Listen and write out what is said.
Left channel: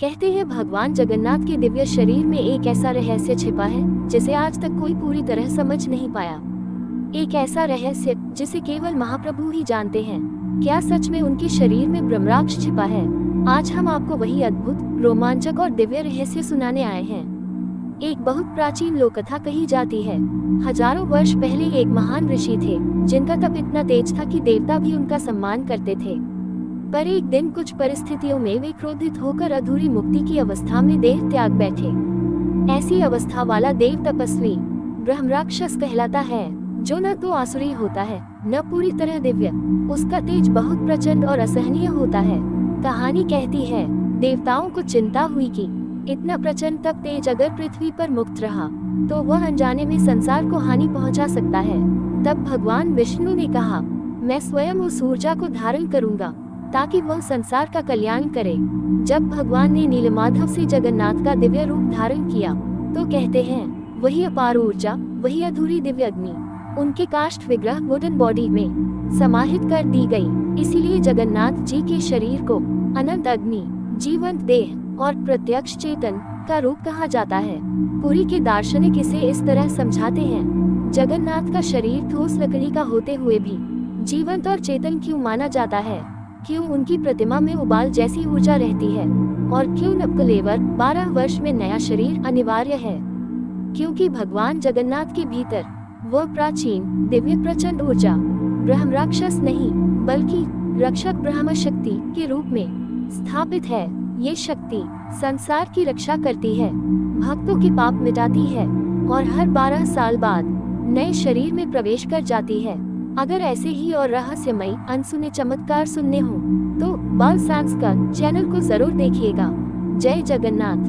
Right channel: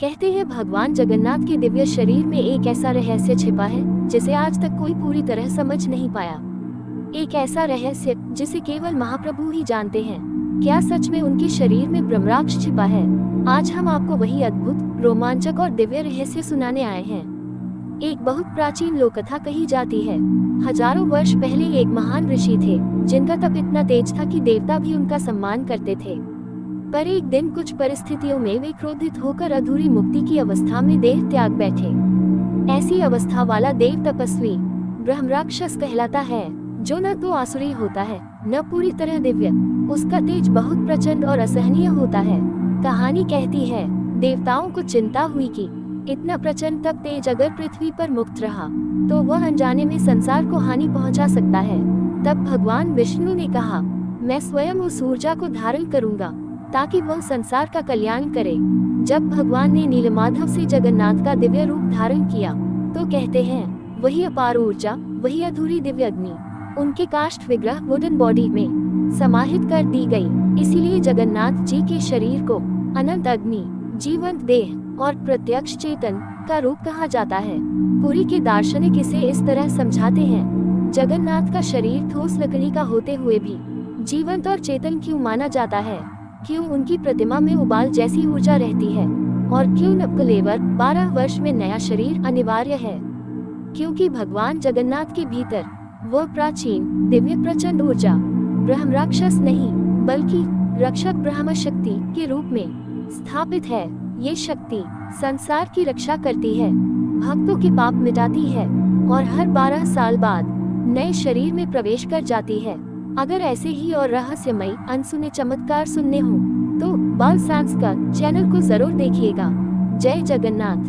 कहते हैं भगवान जगन्नाथ के दिव्य शरीर में एक ऐसा रहस्य छिपा है जिसे आज तक कोई पूरी तरह समझ नहीं पाया। एक ऐसा रहस्य जिसे केवल महाप्रभु ही जानते हैं। क्या सच में उनके शरीर में ब्रह्मराक्ष छिपा है? आज हम आपको वही अद्भुत, रोमांचक और दिव्य रहस्य सुनाने आए हैं। एक बहुत प्राचीन लोक कथा कही जाती है। हजारों वर्ष पहले एक महान ऋषि थे जिनका तप इतना तेज था कि देवता भी उनका सम्मान करते थे। पर एक दिन कुछ परिस्थितियों में वे क्रोधित होकर अधूरी मुक्ति की अवस्था में देह त्याग बैठे। ऐसी अवस्था वाला देव तपस्वी ब्रह्मराक्षस कहलाता है, जो न तो आसुरी होता है न पूरी तरह दिव्य। उसका तेज बहुत प्रचंड और असहनीय होता है। कहानी कहती है, देवताओं को चिंता हुई कि इतना प्रचंड तप तेज अगर पृथ्वी पर मुक्त रहा तो वह अनजाने में संसार को हानि पहुंचा सकता है। तब भगवान विष्णु ने कहा, मैं स्वयं उस ऊर्जा को धारण करूंगा ताकि वह संसार का कल्याण करे। जब भगवान ने नीलमाधव से जगन्नाथ का दिव्य रूप धारण किया तो कहते हैं, वही अपार ऊर्जा, वही अधूरी दिव्य अग्नि उनके काष्ठ विग्रह वुडन बॉडी में समाहित कर दी गई। इसीलिए जगन्नाथ जी के शरीर को अनंत अग्नि, जीवंत देह और प्रत्यक्ष चेतन का रूप कहा जाता है। पुरी के दार्शनिक इसे इस तरह समझाते हैं, जगन्नाथ का शरीर ठोस लकड़ी का होते हुए भी जीवंत और चेतन क्यों माना जाता है? क्यों उनकी प्रतिमा में उबाल जैसी ऊर्जा रहती है? और क्यों नवकलेवर 12 वर्ष में नया शरीर अनिवार्य है? क्योंकि भगवान जगन्नाथ के भीतर वह प्राचीन दिव्य प्रचंड ऊर्जा ब्रह्मराक्षस नहीं बल्कि रक्षक ब्रह्म शक्ति के रूप में स्थापित है। ये शक्ति संसार की रक्षा करती है, भक्तों के पाप मिटाती है और हर 12 साल बाद नए शरीर में प्रवेश कर जाती है। अगर ऐसे ही और रहस्यमयी अनसुने चमत्कार सुनने हो तो बाल साइंस का चैनल को जरूर देखिएगा। जय जगन्नाथ।